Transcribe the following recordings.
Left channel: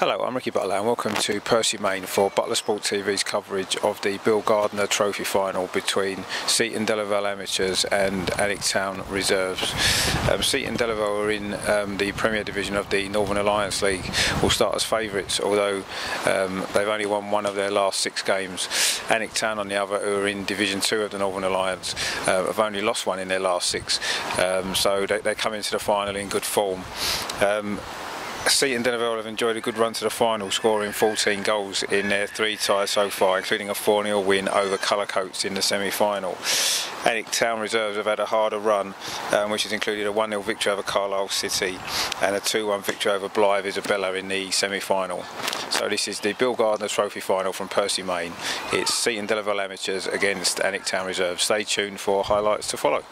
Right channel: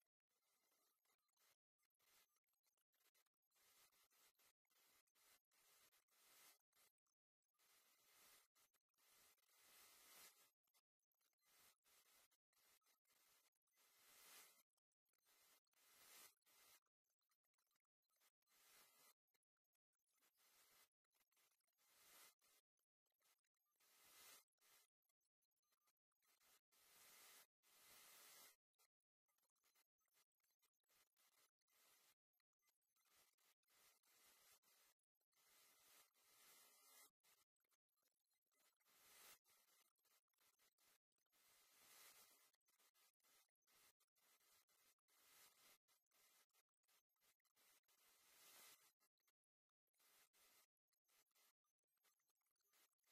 Hello, I'm Ricky Butler and welcome to Percy Main for Butler Sport TV's coverage of the Bill Gardner Trophy Final between Seaton Delaval Amateurs and Alnwick Town Reserves. Seaton Delaval are in the Premier Division of the Northern Alliance League, will start as favourites, although they've only won one of their last 6 games. Alnwick Town, on the other, who are in Division 2 of the Northern Alliance, have only lost one in their last 6, so they come into the final in good form. Seaton Delaval have enjoyed a good run to the final, scoring 14 goals in their 3 ties so far, including a 4-0 win over Colourcoats in the semi-final. Alnwick Town Reserves have had a harder run, which has included a 1-0 victory over Carlisle City and a 2-1 victory over Blythe Isabella in the semi-final. So this is the Bill Gardner Trophy Final from Percy Main. It's Seaton Delaval Amateurs against Alnwick Town Reserves. Stay tuned for highlights to follow.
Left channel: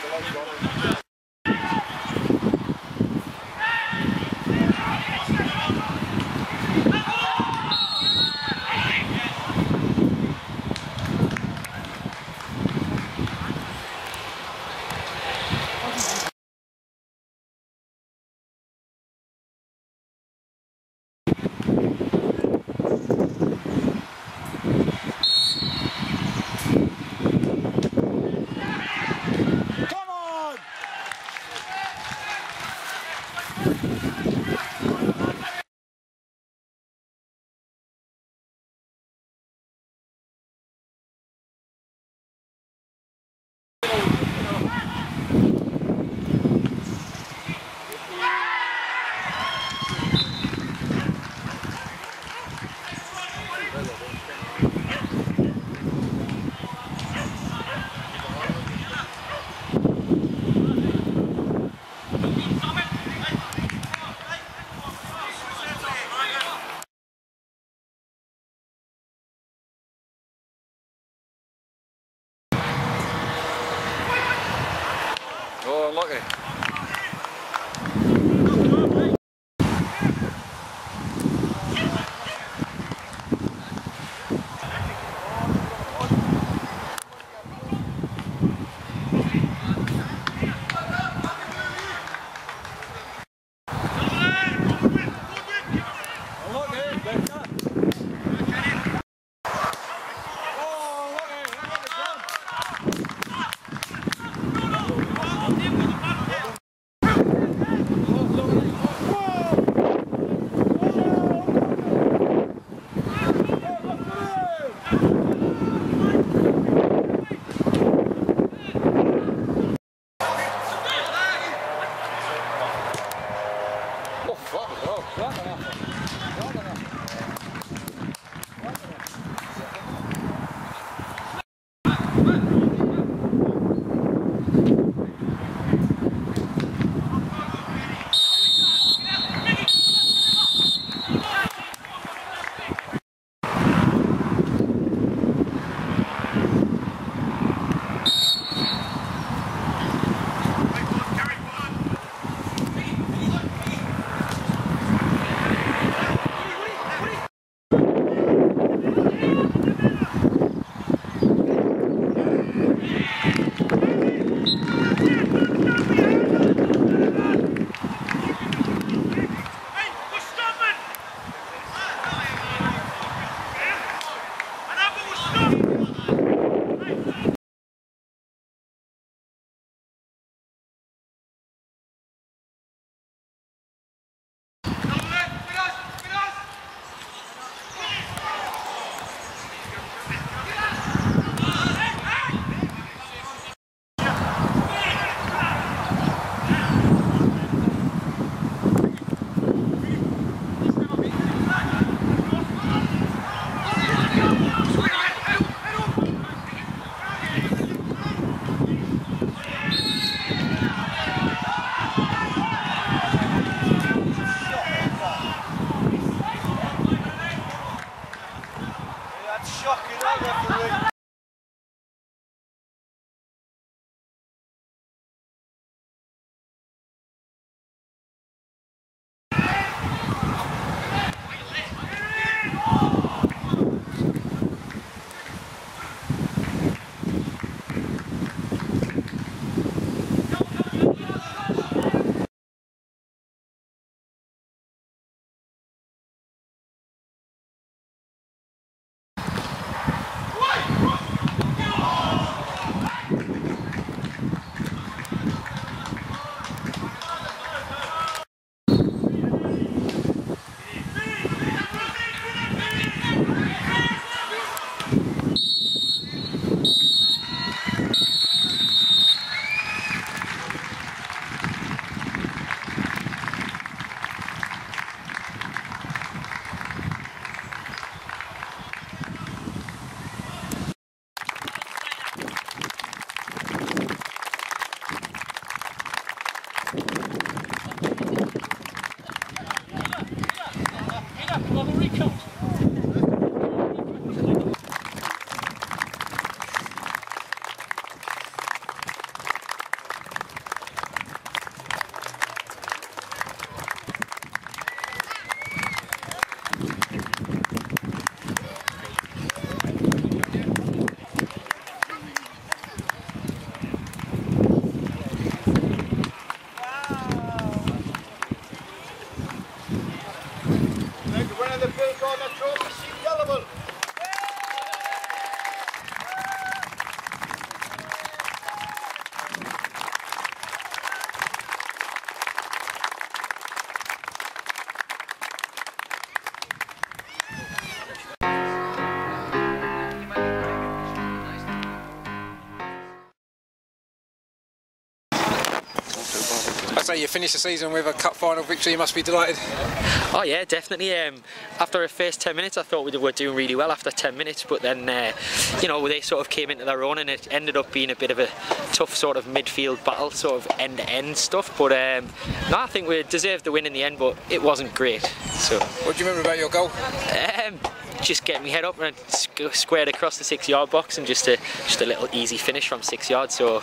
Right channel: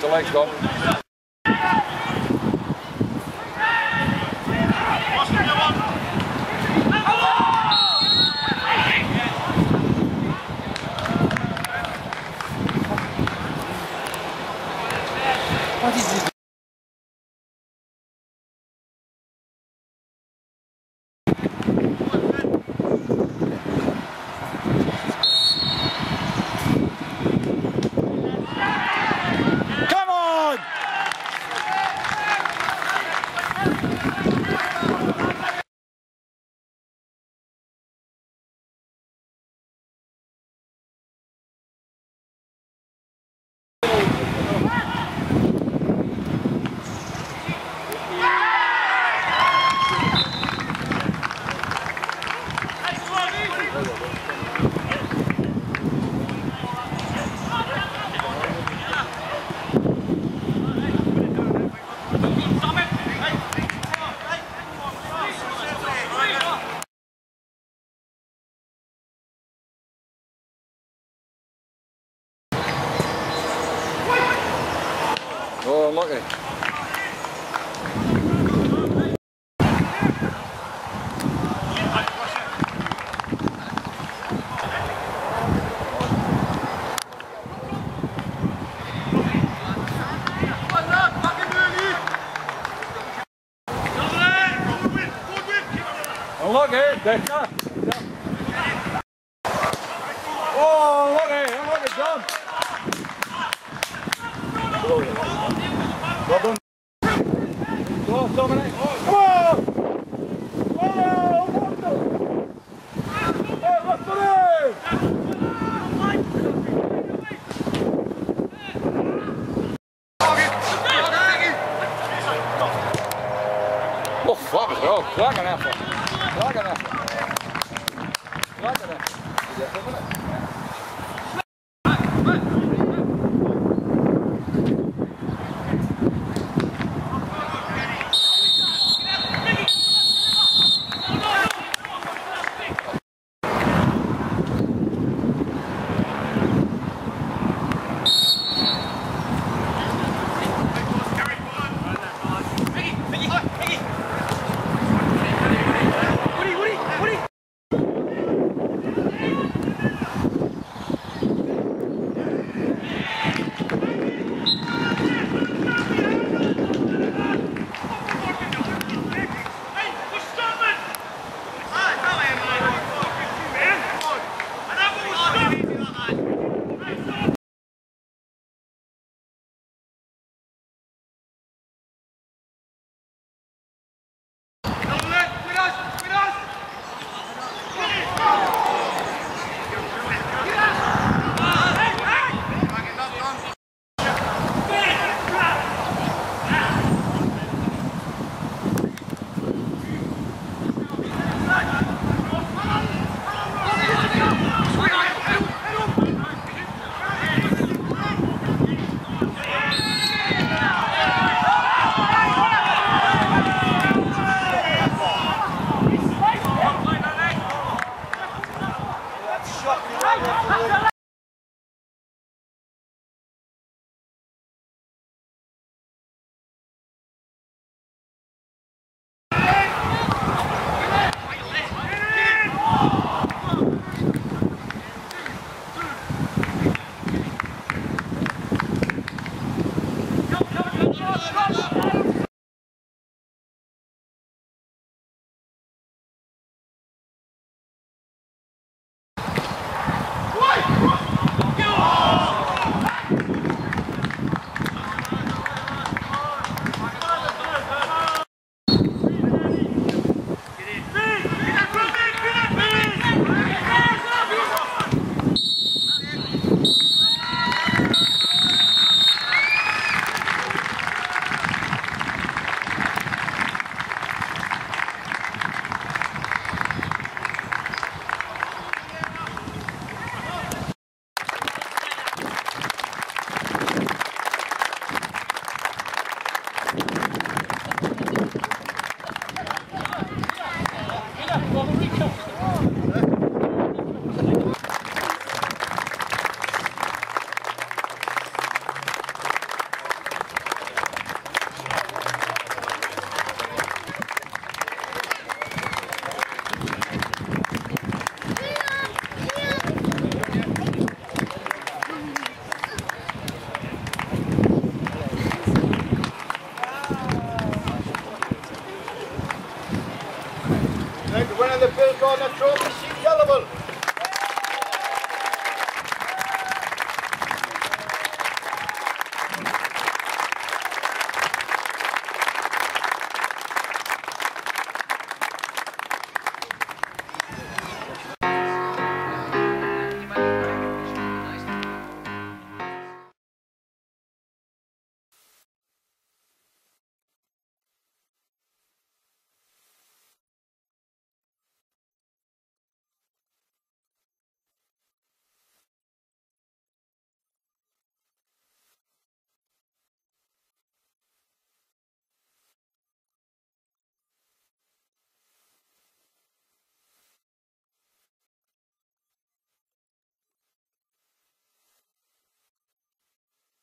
The legs gone. Oh, lucky. Unlucky, better. Oh, unlucky, John. Well done. Go, Dominic. Whoa! Oh, wonderful! Oh, what's the name? Oh, fuck it, bro. Klagen even. Klagen even. Klagen even. Gardner Trophy, Seaton Delaval. I'd say you finished the season with a cup final victory, you must be delighted. Oh yeah, definitely. After the first 10 minutes I thought we were doing really well after 10 minutes, but then you know, they sort of came into their own and it ended up being a bit of a tough sort of midfield battle, sort of end-to-end stuff, but no, I think we deserved the win in the end, but it wasn't great. So What do you remember about your goal? Just getting my head up and squared across the 6-yard box and just a little easy finish from 6 yards, so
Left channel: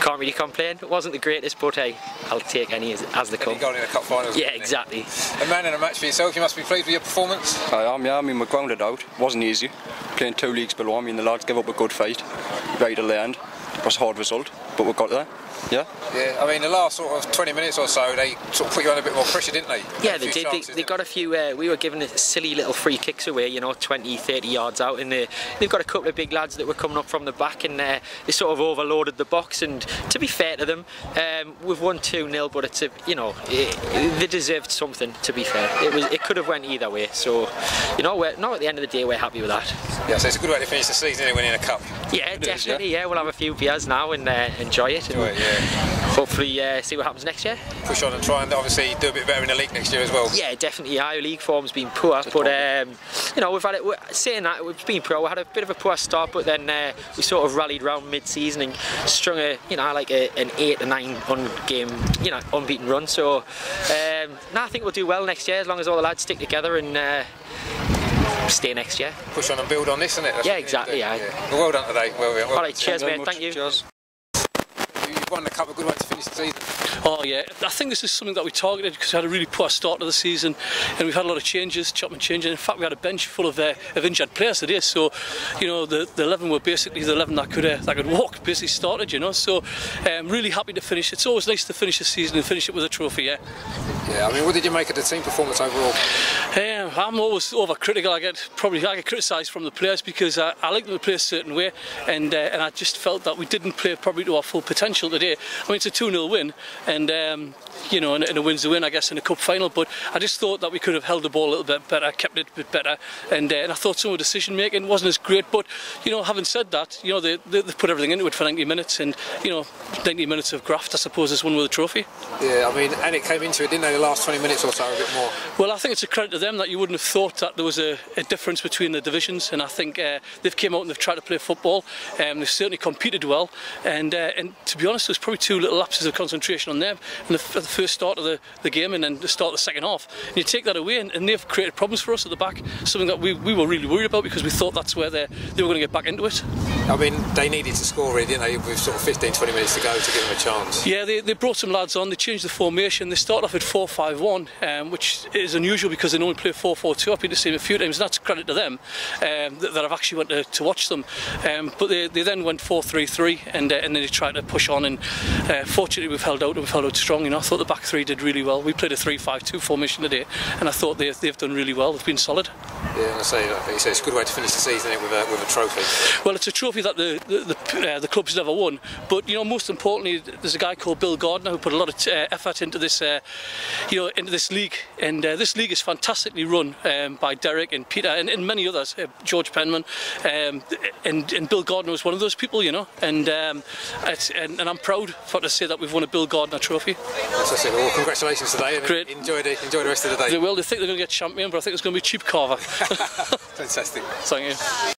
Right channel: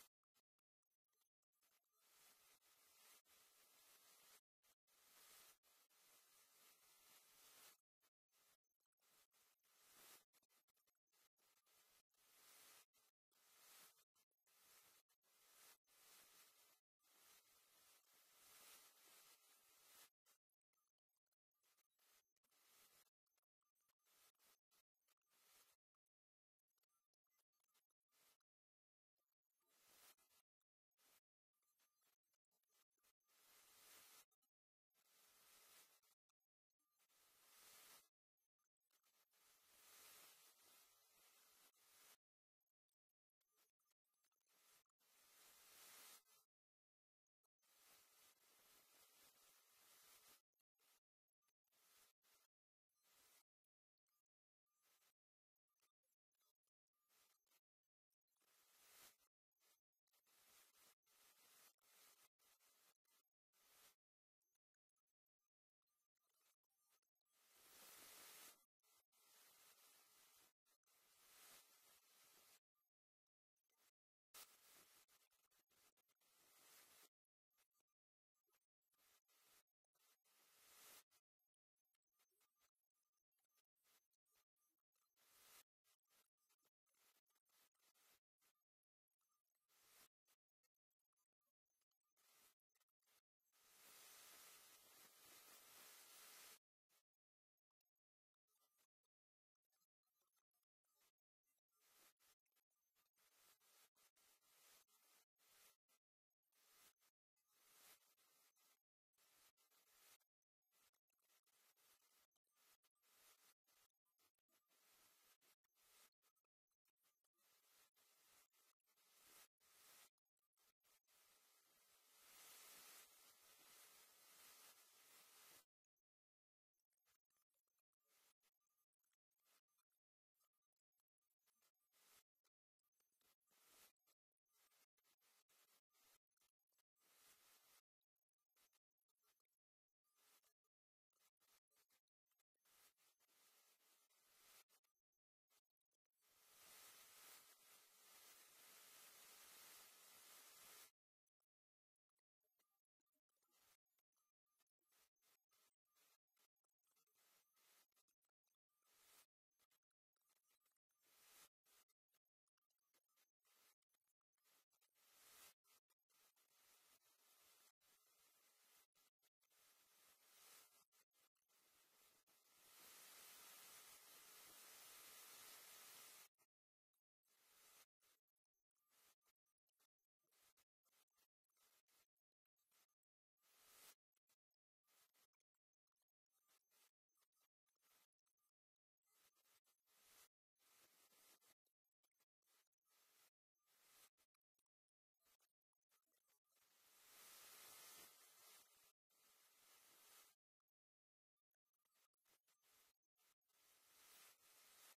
can't really complain. It wasn't the greatest, but hey, I'll take any as they come. You got in a cup final. Yeah, exactly. A man in a match for yourself, you must be pleased with your performance. I am, yeah. I mean, we're grounded out. Wasn't easy. Playing 2 leagues below. I mean, the lads gave up a good fight right till the end. It was a hard result, but we got there. Yeah. Yeah. I mean, the last sort of 20 minutes or so, they sort of put you under a bit more pressure, didn't they? Yeah, they did. They got a few. We were given silly little free kicks away, you know, 20, 30 yards out, and they've got a couple of big lads that were coming up from the back, and they sort of overloaded the box. And to be fair to them, we've won 2-0, but it's you know, they deserved something. To be fair, it could have went either way. So, you know, at the end of the day, we're happy with that. Yeah, so it's a good way to finish the season, isn't it, winning a cup? Yeah, definitely. Yeah, we'll have a few beers now and enjoy it. Enjoy it, yeah. Hopefully see what happens next year. Push on and try and obviously do a bit better in the league next year as well. Yeah, definitely. Our league form's been poor, but you know, we've had it. Saying that, we've been poor. We had a bit of a poor start, but then we sort of rallied round mid-season and strung an 8 to 9 unbeaten run. So no, I think we'll do well next year as long as all the lads stick together and stay next year. Push on and build on this, isn't it? That's yeah, exactly. Yeah. Well, well done today. Well, all right, cheers, mate. Thank you. Cheers. You've won the cup, a good way to finish the season. Oh yeah, I think this is something that we targeted because we had a really poor start to the season and we've had a lot of changes, chopping changes. In fact, we had a bench full of injured players today, so you know, the 11 were basically the 11 that could walk, basically started, you know, so really happy to finish. It's always nice to finish the season and finish it with a trophy, yeah. Yeah, I mean, what did you make of the team performance overall? I'm always overcritical. I get criticised from the players because I like them to play a certain way, and I just felt that we didn't play probably to our full potential today. I mean, it's a 2-0 win, and you know, and a win's a win, I guess, in a cup final. But I just thought that we could have held the ball a little bit better, kept it a bit better, and I thought some of the decision making wasn't as great. But you know, having said that, you know, they put everything into it for 90 minutes, and you know, 90 minutes of graft, I suppose, is one with a trophy. Yeah, I mean, and it came into it, didn't they, the last 20 minutes or so, a bit more? Well, I think it's a credit to them that you wouldn't have thought that there was a difference between the divisions, and I think they've came out and they've tried to play football. They've certainly competed well, and to be honest, there's probably 2 little lapses of concentration on them in the first start of the game and then the start of the second half. And you take that away, and they've created problems for us at the back, something that we were really worried about because we thought that's where they were going to get back into it. I mean, they needed to score really, didn't they, with sort of 15-20 minutes to go to give them a chance. Yeah, they brought some lads on, they changed the formation, they started off at 4-5-1, which is unusual because they normally play 4-4-2. I've been to see them a few times, and that's credit to them that I've actually went to watch them. But they then went 4-3-3, and then they tried to push on, and fortunately we've held out, and we've held out strong. You know, I thought the back three did really well. We played a 3-5-2 formation today, and I thought they've done really well. They've been solid. Yeah, and I say, like you say, it's a good way to finish the season with a trophy. Well, it's a trophy that the club's never won, but you know, most importantly, there's a guy called Bill Gardner who put a lot of effort into this, you know, into this league, and this league is fantastically run by Derek and Peter and many others, George Penman, and Bill Gardner was one of those people, you know, and I'm proud to say that we've won a Bill Gardner trophy. Fantastic. Well, congratulations today, and great. Enjoy the rest of the day. They will. They think they're going to get champion, but I think it's going to be cheap carver. Fantastic. Thank you.